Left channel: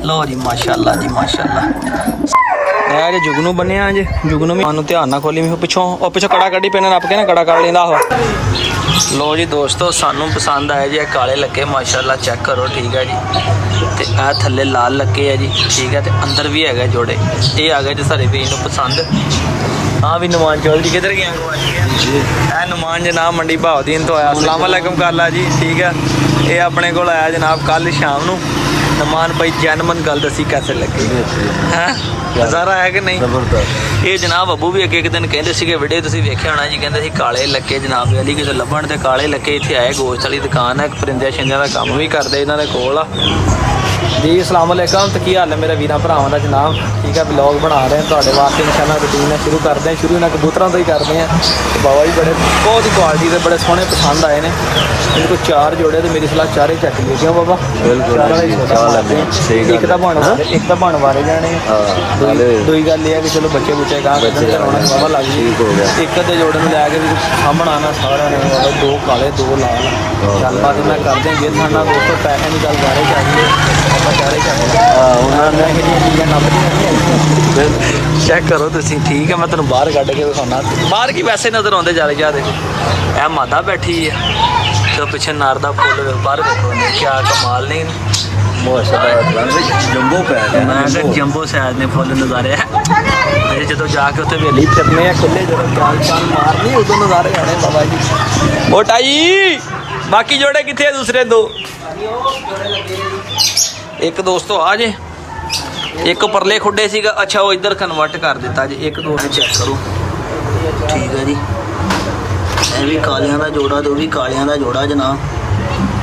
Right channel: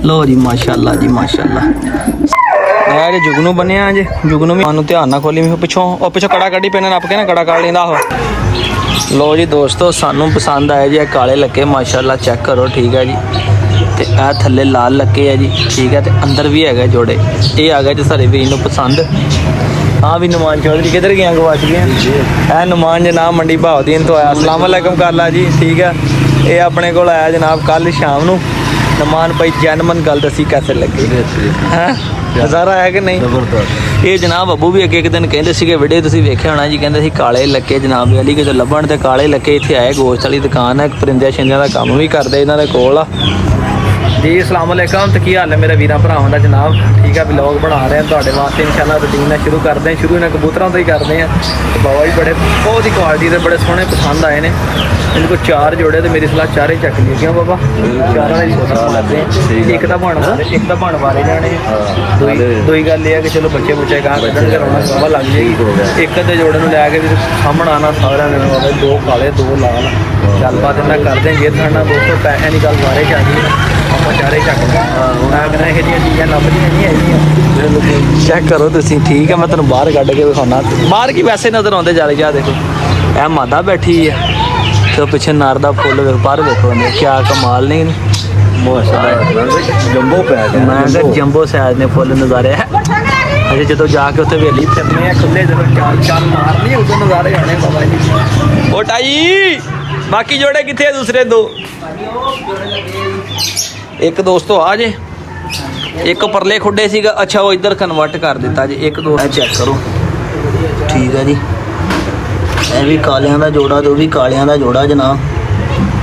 लो जी माशाल्लाह जी माशाल्लाह। यार जुगनू बने जे जुगनू भी मानू ध्यान ना खोली पिछों और पिछों कड़ा कड़ी पेन नप के ना कड़ा काट लेंदा हो। लो जी दोस्तों सानू पसंद आए जी काले लक्के माशाल्लाह चेक करो ठीक है जी। ते आ थल्ले लाल लक्के है जी ठीक है। ते अंदर भी है जोड़े ये आ गए जी सारे वीर नू पसंद। हाँ भी नुमान चौधरी किधर गया गवाच गया नुमान जनाब मंडी भावदीन तो आया। अस्सलाम वालेकुम करला जी ठीक है। ये अपने को आया जनाब कल शाम नू। नुमान भाई जैनमन गल दसी कैसे लगे हैं नज़ारा है कि नहीं। ये जनाब अबू भी एक दिन कहते थे वीडियो तुसीं वेख्या होना जी कहते काले लक्के जनाब वाली कि लभण ते काले लक्के इत्थे आए गोश्त वाली दुकान है परिंदे शिंदियां का काम भी करते इन्हों के कोल जी। अस्सलाम वालेकुम तो की हाल है मेरे वीर भरावां दा जनाब ठीक है। व्लॉग बना रहे हैं तुहाडे वास्ते इंशाअल्लाह रूटीन शुरू करते हैं। शुरू इन्हां कबूतरों तो ही करते हैं। तो बाबा जी बड़े बहुत ही क्वालिटी के बड़े सोहने पसंद आए ने। इनको 4 जोड़े तो मेरी सलाह 4 ही चक लिए क्यों बाबा 4 का ही सौदा पाते हैं। एक तो बन वारे जाने दुई गल ये है कि चलो बच्चे बुच्चे गां कढ़न के रौनक बाबा लग जाएगी। एक अद्धे जोड़े में लैके भी सामने आना सारे ने बाबा 2 काले 2 लाल गलबात मैं करते हैं। जे थाना दोस्तों पैसे की गल बारे च आ गई आप 4 ही चक लें मैं कहना यह चीज़ें लभदियां नहीं आईयां। चेक करो तुसीं ठीक है। मैं तुहानूं बाहर कढ़ के विखाना बाहर की वैसे नज़र आते जा रहे देखो यह मादा बैठी है तो पिछे नार का फुल बाहर देखो क्या कमाल नहीं मैं जंबो साइज ने फुल नज़ारे है। अच्छा जो जाके उत्थे वेली फिरने खुले जो चाल चाल मारनी उदों नज़ारे आने बाबा जी। मोटाई बाकी जोड़े कितने दूसरे 2 एक दोस्तों आ जे एक परले खुडे सीगा। अच्छा वो इधर कन्वर्ट कर दिता जी। एक दोस्त चेक करो ठीक है जी। यह भी कालियां दा जोड़ा तो भी कालियां दा जोड़ा जनाब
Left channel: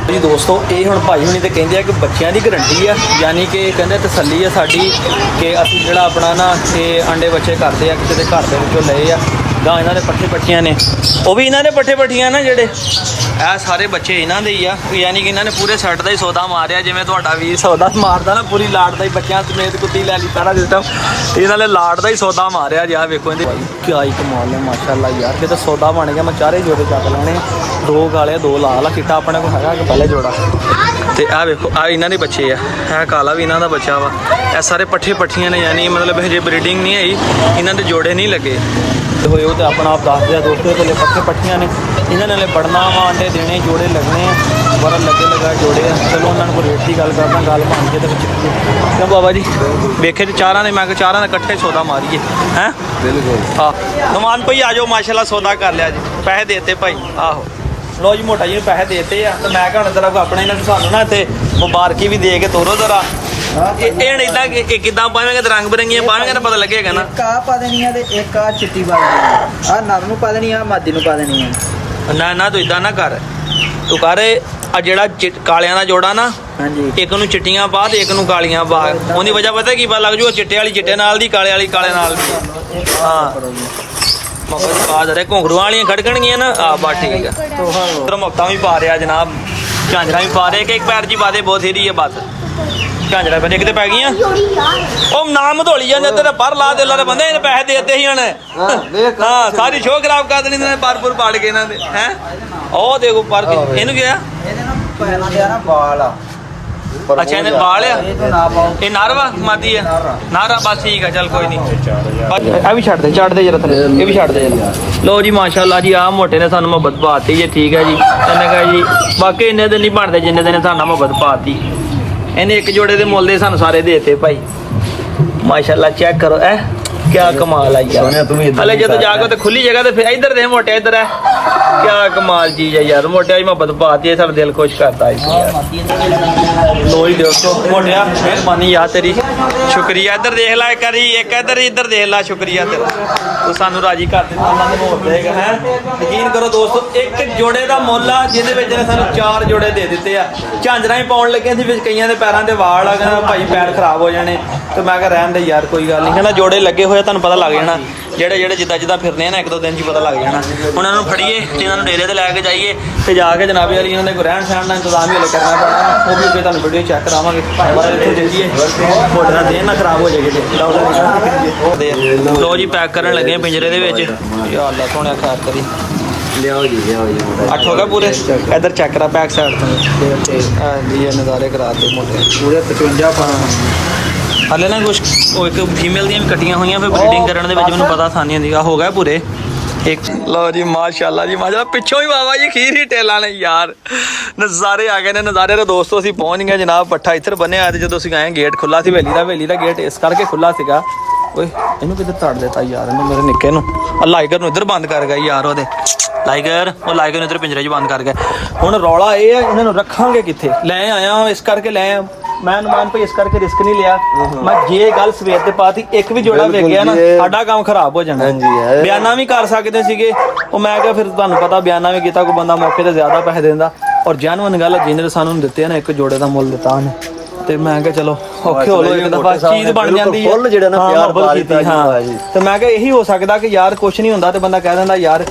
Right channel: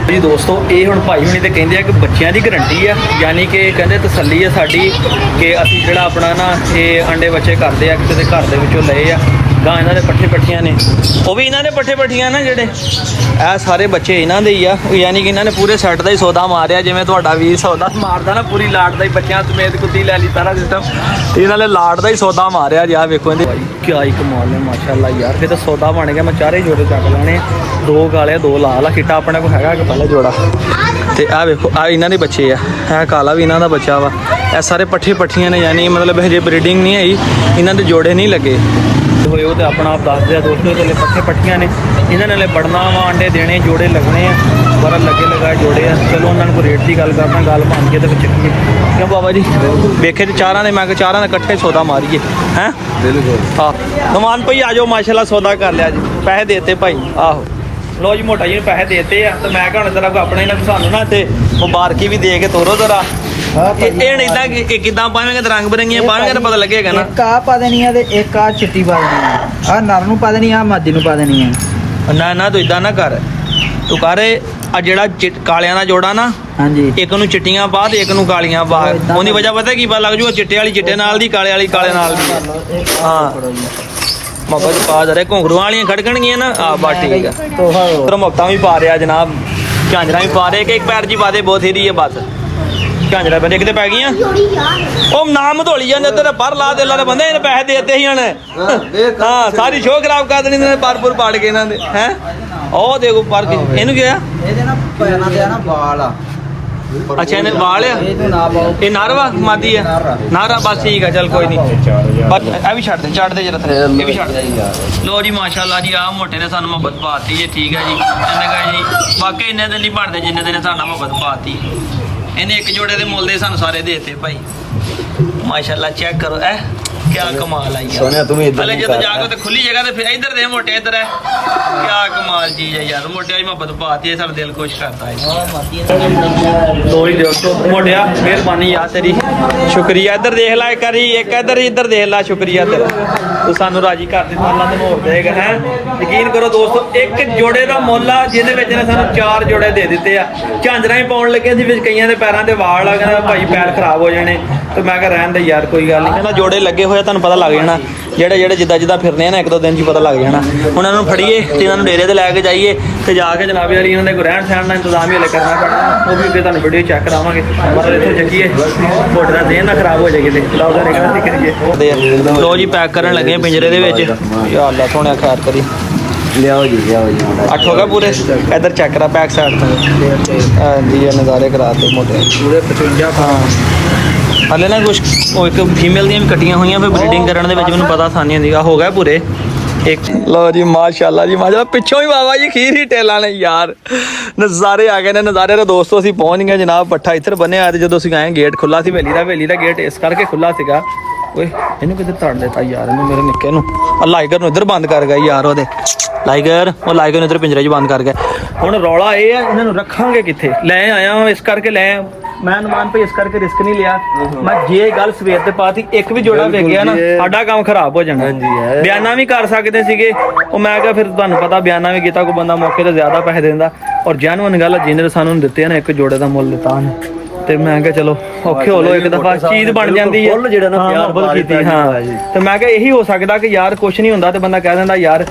जी। दोस्तों ये हुण भाई हुणी तो कहते हैं कि बच्चों की गारंटी है यानी कि कहते तसली है साड़ी कि असीं जिहड़ा अपना ना ये अंडे बच्चे करते हैं किसी घर के विचों लए आ गां इन्हां दे पट्ठे पट्ठियां ने वो भी इन्हां दे पट्ठे पट्ठियां ना जिहड़े ਇਹ सारे बच्चे इन्हों के ही आ यानी कि इन्होंने पूरे सैट का ही सौदा मारिया जिवें तुहाडा वीर सौदा मारदा ना पूरी लाट का ही बच्चों समेत कुत्ती लै ली सारा सिस्टम इन्होंने लाट का ही सौदा मारिया जी। वेखो क्या ही कमाल है माशाल्लाह यार जो सौदा बन गया मैं 4 ही जोड़े चक लैने 2 काले 2 लाल चिट्टा अपने को है पहले जोड़ा। तो यह वेखो आ इन्हों के बच्चे है काला भी इन्हों का बच्चा वा यह सारे पट्ठे पट्ठियां ने यानी मतलब हजे ब्रीडिंग नहीं आई इन्हों के जोड़े नहीं लगे होए वो तो अपना आप दस दिया दोस्तों थले पट्ठे पट्ठियां ने इन्होंने बढ़ना वा अंडे देने जोड़े लगने पर लगे लगाए जोड़े आ। चलो उन्होंने रेट की गल करना गल बन के तो चलिए क्यों बाबा जी वेखे तो 4 ने मैं 4 ने कट्ठे सौदा मारिए हैं हाँ। नुमान भाई आ जाओ माशाल्लाह सौदा कर लिया जी पैसे देते भाई आहो लो जी मोटा जी पैसे देते हैं तो मैं कहना जरा अपने इन्होंने सानू ना इतने मुबारकी भी दे के तोरो जरा किदा पावेंगे रंग बिरंगियां पावेंगे तो पता लगेगा ना। एक आ पा देनी है ते एक आ चिट्टी पा देनी है आ नर नूं पा देनी है आ मादी नूं पा देनी है ना तू इदा ना कर तू कर आ जेड़ा कालियां दा जोड़ा ना हां जी एक नूं चिट्टियां पा ते एक नूं कालियां पा ओदी वजह पता की पता लग जू चिट्टे वाली चिट्टे नाल दी काले वाली काले नाल दी हां मगज पा दे घुंघरू वालियां खड़कणगियां ना आ बा ठीक है तो मुक्ता भी पा रहा जनाब झांजरा भी पा रहे एक पैर जी पा दे बहुत ही है बस झांजरा बने किते पै गईयां ओ नाम धोली जाने तेरे पर ला दे ला बंदे इन्हें पैसे देते ही हन हां सारी शो खराब कर देनी इन्होंने परपुर पाड़ के इन्होंने हैं ओ देखो पर इनू क्या ਇਹਦੇ ਨਾਲ ਪੈਰਾਂ ਤੇ ਆ ਨਾ ਵਾਲ ਆ अच्छा इन्हें वाल आ ये नारवा मादी है नारा बस ठीक है चल कोई नहीं भी छड़ दे जरा थले ये भी छड़ दे। लो जी माशाल्लाह जी आ मोटे ने सानू मोहब्बत पाती जी ठीक है जी इन्हें कहा जी बाकी इन्ने दिन नहीं बनते जिन्ने दिन सानू मोहब्बत पाती इन्हें एक जोड़े के मुल दे सानू सारे देते भाई माशाल्लाह चेक करो है क्या कमाल आई यार जो जाके तो खुली जगह तो फिर इधर दे मोटे इधर है क्या कमाल चीज है यार मोटे मोहब्बत पाती है सब दिल खुश करता है। लो ही दोस्तों मोटिया मेहरबानी यार तेरी शुक्रिया इधर देख ला एक इधर देख ला शुक्रिया तेरा तो सानू राजी कर दिता अल्लाह ने मोर देगा है। यकीन करो दोस्तों एक जोड़े का मुल आ जिहदे ने सानू 4 जोड़े दे दिते आ झांजरा ही पाउण लगे सी कईयां दे पैरां दे वाल आ कहना भाई पैर खराब हो जाने तो मैं कहा रहन दे यार कोई गल नहीं कहना जोड़े लगे हुए तुहानू पता लग जाना जेड़े जेड़े जिदा जिदा फिरने ना 1-2 दिन च पता लग जाना उन्होंने फड़िए इन्होंने डेरे से लैके जाइए तो जाके जनाबे वाली इन्होंने कोई रहन सहन का इंतजाम ही हले करना पैना वो भी तुहानू वीडियो चेक करावांगे पर इत्थों चंगी है थोड़े ना देन ना खराब हो जाएगी। लो जी पैक करन लगे पिंजरे दे विच या अल्लाह सोहणिया खैर करी ਲਿਆਓ ਜੀ ਮੁੰਡਾ 8 ਹੋ ਗਏ ਪੂਰੇ। ਇੱਧਰ ਚੈੱਕ ਕਰਾ ਬੈਕ ਸਾਈਡ ਤੋਂ ਜੀ, ਇਹ ਨਜ਼ਾਰੇ ਕਰਾਤੇ ਮੋਟੇ ਪੂਰੇ 55 ਹਾਂ। ਹਲੇ ਨਾ ਕੁਛ ਉਹ ਇੱਕ ਫੀਮੇਲ ਦੀਆਂ ਵੀ ਕੱਟੀਆਂ ਹੋਈਆਂ, ਫਿਰ ਬਰੀਡਿੰਗ ਕਰਨ ਦੇ ਵਿੱਚ ਮੈਨੂੰ ਪਤਾ ਆਸਾਨੀ ਹੁੰਦੀ ਆ। ਹੋ ਗਿਆ ਪੂਰੇ ਇੱਕ। ਲਓ ਜੀ ਮਾਸ਼ਾਅੱਲਾ ਜੀ ਮਾਸ਼ਾਅੱਲਾ, ਪਿੱਛੋਂ ਹੀ ਬਾਬਾ ਜੀ ਖੀਰ ਹੀ ਟੇਲਾਂ ਨੇ ਯਾਰ, ਨਜ਼ਾਰੇ ਆ ਗਏ ਨੇ ਨਜ਼ਾਰੇ। ਦੇ ਦੋਸਤੋ ਅਸੀਂ ਪਹੁੰਚ ਗਏ ਜਨਾਬ, ਪੱਠਾ ਇੱਧਰ ਬੰਨਿਆ ਤੇ ਜਦੋਂ ਅਸੀਂ ਆਏ ਗੇਟ ਖੁੱਲਾ ਸੀ ਹਵੇਲੀ ਦਾ ਗੇਟ ਇਸ ਕਰਕੇ ਖੁੱਲਾ ਸੀਗਾ। ਓਏ ਇਹਨੂੰ ਕਿੱਧਰ ਤੜ ਦਿੱਤਾ ਯਾਰ ਇਹਨੇ ਮੇਰੇ ਨਿੱਕੇ ਨੂੰ। ਲਾਈਗਰ ਨੂੰ ਇੱਧਰ ਬੰਦ ਕਰ ਗਿਆ ਯਾਰ, ਉਹਦੇ ਲਾਈਗਰ ਨੂੰ ਇੱਧਰ ਪਿੰਜਰੇ 'ਚ ਬੰਦ ਕਰ ਗਿਆ। ਹੁਣ ਰੌਲਾ ਇਹ ਆ ਇਹਨਾਂ ਨੂੰ ਰੱਖਾਂਗੇ ਕਿੱਥੇ, ਲੈ ਆਇਆ ਇਸ ਕਰਕੇ ਲੈ ਆਇਆ ਮੈਂ ਅਨੁਮਾਨ ਭਾਈ, ਇਸ ਕਰਕੇ ਰਿਸਕ ਨਹੀਂ ਲਿਆ ਮੈਂ। ਜੇ ਗੱਲ ਸਵੇਰ ਤੇ ਪਾਤੀ ਇੱਕ ਵੀ ਜੋੜਾ ਵੇਖ ਗਿਆ ਨਾ ਸਾਡਾ ਕੰਮ ਖਰਾਬ ਹੋ ਜਾਣਾ। ਬਿਆਨਾ ਵੀ ਕਰ ਸਕਦੇ ਸੀਗੇ ਉਹ, ਮੈਂ ਕਿਹਾ ਫਿਰ ਤੁਹਾਨੂੰ ਪਤਾ ਬਿਆਨਾ ਵੀ ਕੀਤਾ, ਕੋਈ ਬੰਦਾ ਮੌਕੇ ਤੇ ਜ਼ਿਆਦਾ ਪੈਸੇ ਦਿੰਦਾ। ਔਰ ਜੈਨੂਅਨ ਗੱਲ ਜਿਹਨੇ ਸਾਨੂੰ ਦਿੱਤੇ ਨਾ, ਇੱਕ ਜੋੜੇ ਦਾ ਮੁੱਲ ਦਿੱਤਾ ਉਹਨੇ, ਤੇ ਮੈਂ ਕਿਹਾ ਚਲੋ ਔਖੇ ਹੋ ਲੋ, ਇੱਕ ਦਫਾ ਚੀਜ਼ ਬਣ ਜਾਂਦੀ ਹੈ ਜਿਹੜਾ ਨਾ ਪਿਆਰ ਕੀਤੀ। ਹਾਂ ਤੇ ਮੈਂ ਕਿਹਾ ਇਹੀ ਹੋ ਸਕਦਾ ਕਿ ਯਾਰ ਕੁਛ ਨਹੀਂ ਹੁੰਦਾ ਤੇ ਬੰਦਾ ਕਹਿ ਦਿੰਦਾ ਯਾਰ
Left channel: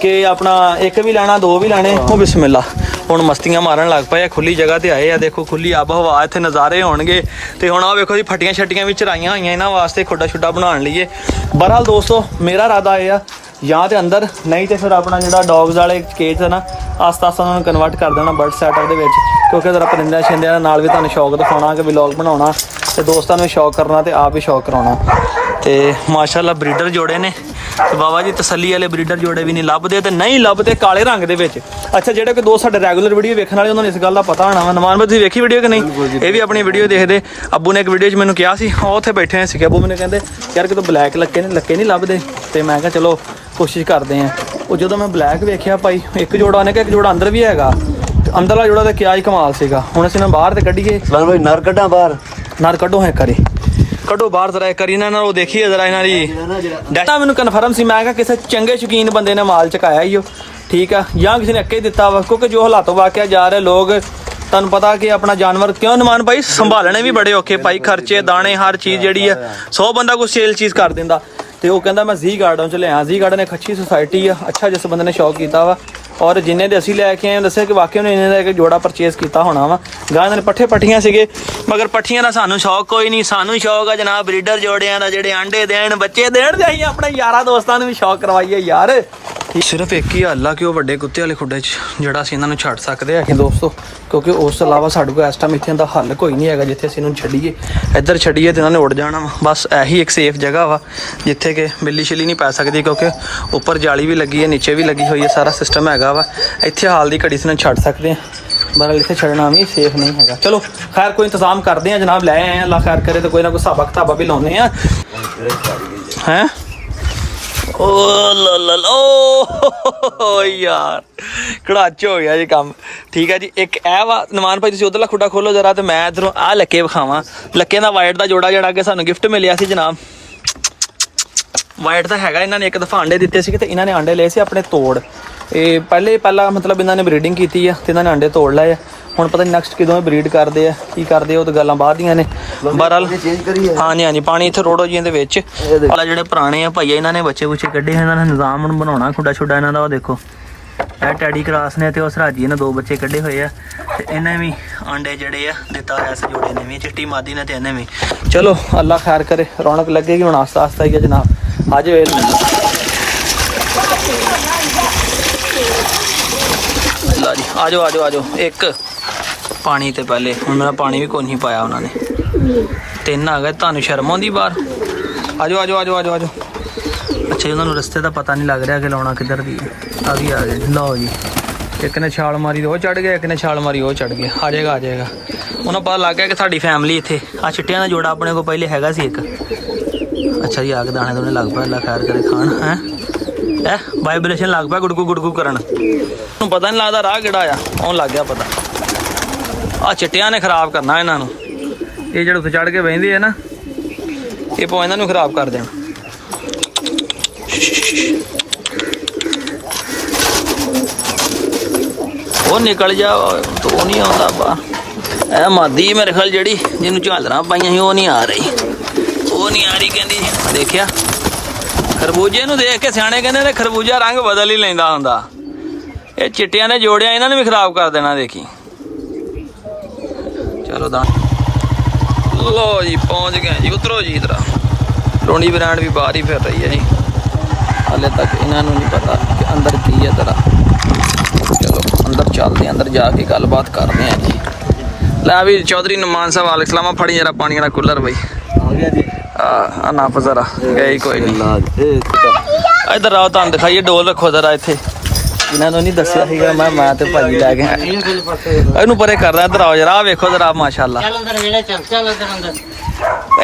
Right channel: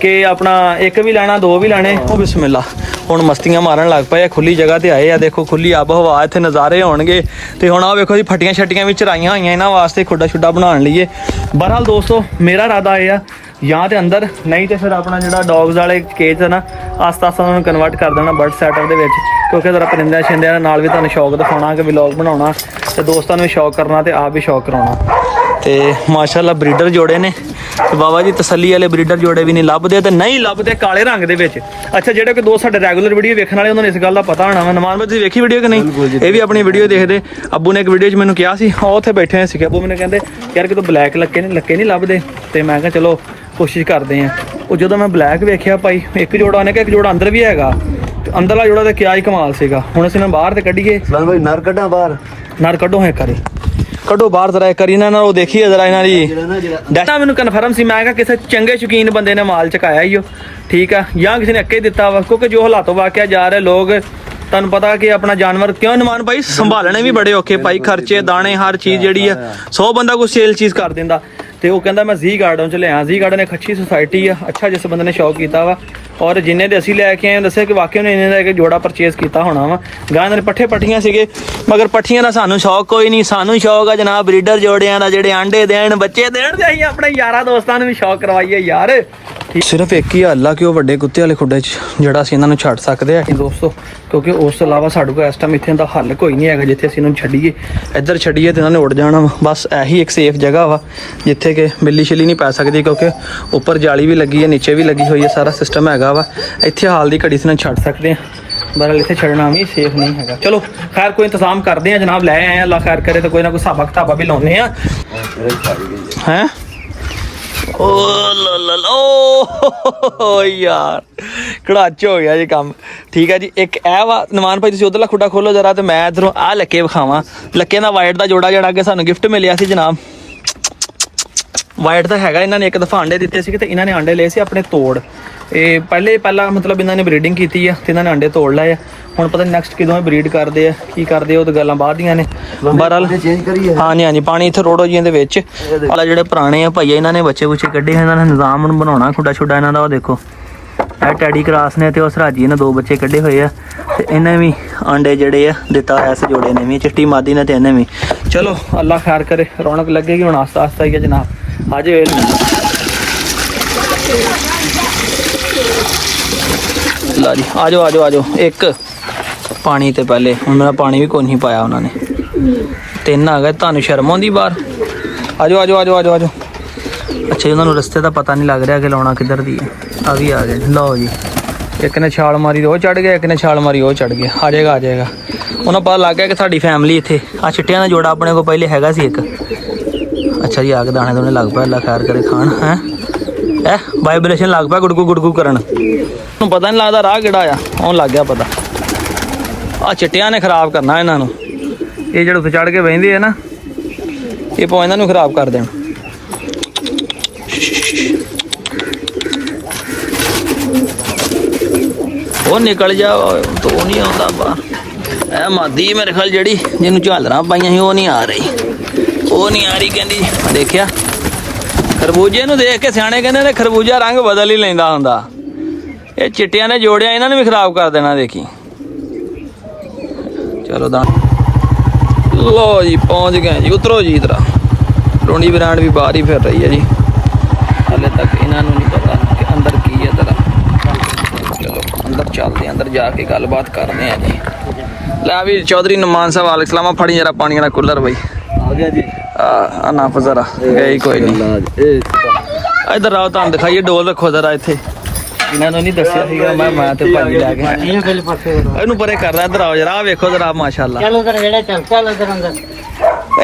ਕਿ ਆਪਣਾ ਇੱਕ ਵੀ ਲੈਣਾ ਦੋ ਵੀ ਲੈਣੇ। ਬਿਸਮਿਲ੍ਲਾ ਹੁਣ ਮਸਤੀਆਂ ਮਾਰਨ ਲੱਗ ਪਏ ਆ, ਖੁੱਲੀ ਜਗ੍ਹਾ ਤੇ ਆਏ ਆ, ਦੇਖੋ ਖੁੱਲੀ ਆਬ ਹਵਾ, ਇੱਥੇ ਨਜ਼ਾਰੇ ਹੋਣਗੇ। ਤੇ ਹੁਣ ਆਹ ਵੇਖੋ ਜੀ ਫੱਟੀਆਂ ਛੱਟੀਆਂ ਵੀ ਚਰਾਈਆਂ ਹੋਈਆਂ ਇਹਨਾਂ ਵਾਸਤੇ, ਖੁੱਡਾ ਛੁੱਡਾ ਬਣਾਉਣ ਲਈਏ। ਬਹਰਹਾਲ ਦੋਸਤੋ ਮੇਰਾ ਇਰਾਦਾ ਇਹ ਆ ਜਾਂ ਤੇ ਅੰਦਰ, ਨਹੀਂ ਤੇ ਫਿਰ ਆਪਣਾ ਜਿਹੜਾ ਡੌਗਸ ਵਾਲੇ ਕੇਜ ਹੈ ਨਾ ਆਸਤਾ ਆਸਤਾ ਉਹਨਾਂ ਨੂੰ ਕਨਵਰਟ ਕਰ ਦੇਣਾ ਬਰਡ ਸੈਟਅਪ ਦੇ ਵਿੱਚ, ਕਿਉਂਕਿ ਜ਼ਰਾ ਪਰਿੰਦਿਆਂ ਛਿੰਦਿਆਂ ਦੇ ਨਾਲ ਵੀ ਤੁਹਾਨੂੰ ਸ਼ੌਕ ਦਿਖਾਉਣਾ ਕਿ ਵਲੌਗ ਬਣਾਉਣਾ ਤੇ ਦੋਸਤਾਂ ਨੂੰ ਵੀ ਸ਼ੌਕ ਕਰਨਾ ਤੇ ਆਪ ਵੀ ਸ਼ੌਕ ਕਰਾਉਣਾ। ਤੇ ਮਾਸ਼ਾਅੱਲਾ ਬਰੀਡਰ ਜੋੜੇ ਨੇ ਤੇ ਬਾਬਾ ਜੀ ਤਸੱਲੀ ਵਾਲੇ ਬਰੀਡਰ ਜੋੜੇ ਵੀ ਨਹੀਂ ਲੱਭਦੇ, ਤੇ ਨਹੀਂ ਲੱਭਦੇ ਕਾਲੇ ਰੰਗ ਦੇ ਵਿੱਚ। ਅੱਛਾ ਜਿਹੜੇ ਕਿ ਦੋਸਤ ਸਾਡੇ ਰੈਗੂਲਰ ਵੀਡੀਓ ਵੇਖਣ ਵਾਲੇ ਉਹਨਾਂ ਨੂੰ ਇਸ ਗੱਲ ਦਾ ਪਤਾ ਹੋਣਾ ਵਾ। ਨਮਾਨ ਤੁਸੀਂ ਵੇਖੀ ਵੀਡੀਓ ਕਿ ਨਹੀਂ? ਇਹ ਵੀ ਆਪਣੀ ਵੀਡੀਓ ਦੇਖਦੇ। ਅੱਬੂ ਨੇ ਇੱਕ ਵੀਡੀਓ 'ਚ ਮੈਨੂੰ ਕਿਹਾ ਸੀ, ਉਹ ਉੱਥੇ ਬੈਠੇ ਹੋਏ ਸੀਗੇ, ਅੱਬੂ ਮੈਨੂੰ ਕਹਿੰਦੇ ਯਾਰ ਕਿਤੋਂ ਬਲੈਕ ਲੱਕੇ ਨਹੀਂ ਲੱਭਦੇ, ਤੇ ਮੈਂ ਕਿਹਾ ਚਲੋ ਕੋਸ਼ਿਸ਼ ਕਰਦੇ ਹਾਂ। ਉਹ ਜਦੋਂ ਮੈਂ ਬਲੈਕ ਵੇਖਿਆ ਭਾਈ ਇੱਕ ਜੋੜਾ, ਉਹਨੇ ਕਿਹਾ ਇੱਕ ਜੋੜਾ ਅੰਦਰ ਵੀ ਹੈਗਾ, ਤੇ ਅੰਦਰਲਾ ਜੋੜਾ ਤਾਂ ਕਿਆ ਹੀ ਕਮਾਲ ਸੀਗਾ। ਹੁਣ ਅਸੀਂ ਨਾ ਬਾਹਰ ਤੇ ਕੱਢੀਏ, ਨਰ ਕੱਢਾਂ ਬਾਹਰ, ਨਰ ਕੱਢੋ ਹੈ ਕਰੀ ਕੱਢੋ ਬਾਹਰ ਜ਼ਰਾ ਕਰੀ ਇਹਨਾਂ ਨਾਲ ਉਹ ਦੇਖੀਏ ਜ਼ਰਾ ਇਹਨਾਂ ਦੀ ਡਾਟਾ। ਮੈਨੂੰ ਕਨਫਰਮ ਸੀ, ਮੈਂ ਕਿਹਾ ਕਿਸੇ ਚੰਗੇ ਸ਼ੌਕੀਨ ਬੰਦੇ ਨੇ ਮਾਲ ਚਕਾਇਆ ਹੀ ਉਹ, ਠੀਕ ਆ, ਜਾਂ ਕਿਸੇ ਨੇ ਅੱਕੇ ਦਿੱਤਾ ਵਾ, ਕਿਉਂਕਿ ਜੋ ਹਾਲਾਤੋਂ ਵਾਕਿਆ ਜਾ ਰਹੇ ਲੋਕ, ਤੁਹਾਨੂੰ ਪਤਾ ਕਿ ਆਪਣਾ ਜਾਨਵਰ ਕਿਉਂ ਨਮਾਨ ਭਾਈ ਸੰਭਾਲਣੇ ਵੀ ਬੜੇ ਔਖੇ ਭਾਈ, ਖਰਚੇ ਦਾਣੇ ਹਰ ਚੀਜ਼ ਜਿਹੜੀ ਆ 100 ਬੰਦਾ ਕੋਈ ਸੇਲ ਚੀਜ਼ ਕਰ ਦਿੰਦਾ। ਤੇ ਉਹ ਕਹਿੰਦਾ ਮੈਂ ਜ਼ੀ ਗਾਰਡਨ ਚ ਲਿਆ, ਜ਼ੀ ਗਾਰਡਨ ਇੱਕ ਅੱਛੀ ਸੁਸਾਇਟੀ ਆ, ਅੱਛਾ ਜਿਸ ਬੰਦੇ ਨੇ ਸ਼ੌਕ ਕੀਤਾ ਵਾ, ਔਰ ਜਿੰਨੇ ਦੇ ਅਸੀਂ ਲੈ ਕੇ ਆਏ ਦੱਸਿਆ ਕਿ ਵਾਕਿਆ ਉਹਨੇ ਇਹਨਾਂ ਦਾ ਇੱਕ ਜੋੜਾ ਪਰਚੇਸ ਕੀਤਾ ਹੋਣਾ ਵਾ। ਗਾਂ ਦੇ ਪੱਠੀਆਂ ਸੀਗੇ, ਮਗਰ ਪੱਠੀਆਂ ਦਾ ਸਾਨੂੰ ਸ਼ੌਕ ਕੋਈ ਨਹੀਂ, ਸਾਨੂੰ ਸ਼ੌਕ ਆ ਜਨਾਬ ਬਰੀਡਰ ਜੋੜਿਆਂ ਦਾ, ਜਿਹੜੇ ਆਂਡੇ ਦੇਣ ਬੱਚੇ ਦੇਣ, ਤੇ ਅਸੀਂ ਆਪਣੇ ਯਾਰਾਂ ਦੋਸਤਾਂ ਨੂੰ ਵੀ ਸ਼ੌਕ ਕਰਵਾਈਏ ਯਾਰ। ਸਿਰਫ ਇੱਕ ਹੀ ਹੱਲ ਆ ਕਿ ਉਹ ਵੱਡੇ ਕੁੱਤੇ ਵਾਲੇ ਖੁੱਡੇ 'ਚ ਜਿਹੜਾ ਅਸੀਂ ਇਹਨਾਂ ਨੂੰ ਛੱਡ ਸਕਦੇ ਆ ਦੋਸਤੋ, ਕਿਉਂਕਿ ਉਸ ਤੋਂ ਇਲਾਵਾ ਸਾਡੇ ਕੋਲ ਇਸ ਟਾਈਮ ਇੱਥੇ ਦਾ ਹੱਲ ਕੋਈ ਨਹੀਂ ਹੈਗਾ ਜਿੱਥੇ ਅਸੀਂ ਇਹਨੂੰ ਛੱਡੀਏ। ਇੱਧਰ ਛੱਡੀਏ ਤੇ ਇਹਨਾਂ ਨੇ ਉੱਡ ਜਾਣਾ ਵਾ। ਬਸ ਇਹੀ ਇੱਕ ਸੇਫ ਜਗ੍ਹਾ ਵਾ ਜਿੱਥੇ ਕਿ ਬਿੱਲੀ ਛਿੱਲੀ ਨਹੀਂ ਪੈ ਸਕਦੀ, ਕਿਉਂਕਿ ਉੱਪਰ ਜਾਲੀ ਵੀ ਲੱਗੀ ਹੈ, ਨੀਚੇ ਵੀ ਲੱਗੀ ਹੋਈ ਹੈ, ਸਾਰਾ ਸਿਸਟਮ ਹੈਗਾ ਵਾ। ਇੱਥੇ ਹਾਲ ਦੀ ਘੜੀ ਅਸੀਂ ਛੱਡ ਸਕਦੇ ਹਾਂ, ਬਹਰਹਾਲ ਇੱਥੇ ਛੱਡਣਾ ਵੀ ਸੇਫ ਨਹੀਂ ਹੈਗਾ। ਚਲੋ ਖੈਰ ਕੋਈ ਇੰਤਜ਼ਾਮ ਕਰਦੇ ਆ ਜਨਾਬ, ਲੈ ਆਏ ਆ, ਅੱਲਾ ਖੈਰ ਕਰੇ ਤਾਂ ਕੋਈ ਨਾ ਕੋਈ ਹਿਸਾਬਾ ਕਿਤਾਬਾ ਵੀ ਲਾਉਂਦੇ ਆ ਹੈਂ। ਓ ਲਾ ਓ ਯਾਰ ਕੜਾਚ ਹੋ ਗਿਆ ਜੀ ਕੰਮ। ਠੀਕ ਹੈ ਜੀ, ਇੱਕ ਇਹ ਵਾ ਨਮਾਨ ਭਾਈ, ਤੁਸੀਂ ਉਧਰਲਾ ਖੁੱਡਾ ਖੋਲੋ ਜਰਾ ਤੇ ਮੈਂ ਇਧਰੋਂ ਆਹ ਲੱਕੇ ਵਿਖਾਵਾਂ। ਲੱਕੇ ਦਾ ਵਾਈਟ ਦਾ ਜੋੜਾ ਜਿਹੜਾ ਕਿ ਸਾਨੂੰ ਗਿਫਟ ਮਿਲਿਆ ਸੀ ਜਨਾਬ, ਵਾਈਟ ਦਾ ਹੈਗਾ। ਇਹਨਾਂ ਨੇ ਇੱਕ ਦਫਾ ਆਂਡੇ ਦਿੱਤੇ ਸੀਗੇ ਤੇ ਇਹਨਾਂ ਨੇ ਆਂਡੇ ਲਏ ਸੀ ਆਪਣੇ ਤੋੜ। ਇਹ ਪਹਿਲਾ ਮਤਲਬ ਇਹਨਾਂ ਨੇ ਬਰੀਡਿੰਗ ਕੀਤੀ ਆ ਤੇ ਇਹਨਾਂ ਨੇ ਆਂਡੇ ਤੋੜ ਲਏ ਆ। ਹੁਣ ਪਤਾ ਨਹੀਂ ਨੈਕਸਟ ਕਿਦੋਂ ਬਰੀਡ ਕਰਦੇ ਆ, ਕੀ ਕਰਦੇ ਆ, ਉਹ ਤਾਂ ਗੱਲਾਂ ਬਾਅਦ ਦੀਆਂ ਨੇ। ਬਹਰਹਾਲ ਹਾਂਜੀ ਪਾਣੀ ਇੱਥੇ ਰੋੜੋ ਜੀ ਇਹਦੇ ਵਿੱਚ। ਆਲਾ ਜਿਹੜੇ ਪੁਰਾਣੇ ਆ ਭਾਈ ਇਹਨਾਂ ਨੇ ਬੱਚੇ ਬੁੱਚੇ ਕੱਢੇ, ਇਹਨਾਂ ਨੇ ਨਿਜ਼ਾਮ ਹੁਣ ਬਣਾਉਣਾ ਖੁੱਡਾ ਛੁੱਡਾ ਇਹਨਾਂ ਦਾ। ਉਹ ਦੇਖੋ ਇਹ ਟੈਡੀ ਕਰਾਸ ਨੇ ਤੇ ਉਹ ਸਰਾਜੀ ਨੇ 2 ਬੱਚੇ ਕੱਢੇ ਹੋਏ ਆ, ਤੇ ਇਹਨੇ ਵੀ ਆਂਡੇ ਜਿਹੜੇ ਆ ਦਿੱਤਾ ਇਸ ਜੋੜੇ ਨੇ ਵੀ, ਚਿੱਟੀ ਮਾਦੀ ਨੇ ਤੇ ਇਹਨੇ ਵੀ। ਚਲੋ ਅੱਲਾ ਖੈਰ ਕਰੇ, ਰੌਣਕ ਲੱਗੇਗੀ ਹੁਣ ਆਸਤਾ ਆਸਤਾ ਹੀ ਆ ਜਨਾਬ। ਆ ਜਾਓ ਜੀ, ਆ ਜਾਓ ਇੱਕ ਪਾਣੀ ਤੇ ਪਹਿਲੇ, ਹੁਣ ਮੇਰਾ ਪਾਣੀ ਵੀ ਕੋਈ ਨਹੀਂ ਪਾਇਆ ਉਹਨਾਂ ਨੇ। 3 ਆ ਗਏ, ਤੁਹਾਨੂੰ ਸ਼ਰਮ ਆਉਂਦੀ ਬਾਹਰ? ਆ ਜਾਓ। ਅੱਛਾ ਉਹਨਾਂ ਨੂੰ ਰਸਤੇ ਦਾ ਪਤਾ ਨਹੀਂ ਲੱਗ ਰਿਹਾ ਕਿ ਲਾਉਣਾ ਕਿੱਧਰ ਦੀ ਹੈ। ਆ ਵੀ ਆ ਗਏ, ਲਓ ਜੀ। ਇੱਕ ਨੇ ਛਾਲ ਮਾਰੀ ਉਹ ਚੜ ਗਿਆ, ਇੱਕ ਨੇ ਛਾਲ ਮਾਰੀ ਉਹ ਚੜ ਗਿਆ। ਆ ਜਾਏਗਾ ਉਹਨਾਂ ਪਤਾ ਲੱਗ ਗਿਆ ਕਿ ਸਾਡੀ ਫੈਮਿਲੀ ਇੱਥੇ। ਆ ਚਿੱਟਿਆਂ ਦਾ ਜੋੜਾ ਆਪਣੇ ਕੋਲ ਪਹਿਲੇ ਹੈਗਾ ਸੀ ਇੱਕ। ਅੱਛਾ ਜੀ, ਆ ਕੇ ਦਾਣੇ ਦੋਨੇ ਲੱਗ ਪਿਆ, ਅੱਲਾ ਖੈਰ ਕਰੇ ਖਾਣ ਹੈ। ਵਾਈਬ੍ਰੇਸ਼ਨ ਲੱਗ ਪਿਆ ਗੁੜਗੂ ਕਰਨ, ਉਹਨੂੰ ਪਤਾ ਨਹੀਂ ਲੱਗਦਾ ਰਾਹ ਕਿਹੜਾ ਆ, ਉਹਨੂੰ ਲੱਗ ਗਿਆ ਪਤਾ। ਆ ਚਿੱਟਿਆਂ ਨੇ ਖਰਾਬ ਕਰਨਾ ਇਹਨਾਂ ਨੂੰ, ਇਹ ਜਿਹੜੇ ਉੱਥੇ ਚੜ ਕੇ ਬਹਿੰਦੇ ਆ ਨਾ, ਇਹ ਭਾਵੇਂ ਇਹਨਾਂ ਨੂੰ ਖਰਾਬ ਕਰ ਦੇਣ। ਉਹ ਨਿਕਲ ਜਾ, ਤੋ ਨਹੀਂ ਆਉਂਦਾ ਬਾ। ਇਹ ਮਾਦੀ ਮੇਰੇ ਖਿਆਲ ਜਿਹੜੀ ਜਿਹਨੂੰ ਝਾਲਰਾਂ ਪਾਈਆਂ ਸੀ ਉਹ ਨਹੀਂ ਆ ਰਹੀ ਕਹਿੰਦੀ। ਦੇਖਿਆ ਖਰਬੂਜੇ ਨੂੰ ਦੇਖ ਕੇ ਸਿਆਣੇ ਕਹਿੰਦੇ ਨੇ ਖਰਬੂਜਾ ਰੰਗ ਬਦਲ ਹੀ ਲੈਂਦਾ ਹੁੰਦਾ। ਇਹ ਚਿੱਟਿਆਂ ਨੇ ਜੋੜਿਆ, ਇਹਨਾਂ ਨੇ ਵੀ ਖਰਾਬ ਕਰ ਦੇਣਾ ਦੇਖੀ। ਚਲੋ ਦਾ ਲੋ ਜੀ ਪਹੁੰਚ ਗਏ ਜੀ, ਉਤਰੋ ਜੀ। ਇਧਰ ਰੋਣੀ ਬ੍ਰਾਂਡ ਵੀ ਬਾਹਰ ਹੀ ਫਿਰ ਰਹੀ ਹੈ ਜੀ। ਹਾਲੇ ਤੱਕ ਇਹਨਾਂ ਨੂੰ ਨਹੀਂ ਪਤਾ ਕਿ ਅੰਦਰ ਕੀ ਹੈ ਜ਼ਰਾ। ਚਲੋ ਅੰਦਰ ਚੱਲਦੇ ਹਾਂ, ਅੰਦਰ ਜਾ ਕੇ ਗੱਲਬਾਤ ਕਰਦੇ ਹਾਂ ਜੀ। ਲੈ ਵੀ ਚੌਧਰੀ ਨੁਮਾਨ ਸਾਹਿਬ ਵਾਲੇ ਸਲਾਮਾ, ਫੜੀ ਜਰਾ ਪਾਣੀ ਵਾਲਾ ਕੂਲਰ ਬਈ। ਆ ਗਿਆ ਜੀ। ਆ ਨਾ ਜ਼ਰਾ ਗਈ ਕੋਈ ਨਹੀਂ। ਇੱਧਰ ਆਓ, ਤੁਹਾਨੂੰ ਦਿਖਾਈਏ ਡੋਲ ਰੱਖੋ ਜ਼ਰਾ ਇੱਥੇ। ਇਹਨਾਂ ਨੂੰ ਨਹੀਂ ਦੱਸਿਆ ਸੀਗਾ ਮੈਂ ਤੇ ਭਾਜੀ ਲੈ ਕੇ ਇਹਨੂੰ ਪਰੇ ਕਰ ਰਿਹਾ। ਇੱਧਰ ਆਓ ਜਰਾ, ਆਹ ਵੇਖੋ ਜ਼ਰਾ ਮਾਸ਼ਾਅੱਲਾ।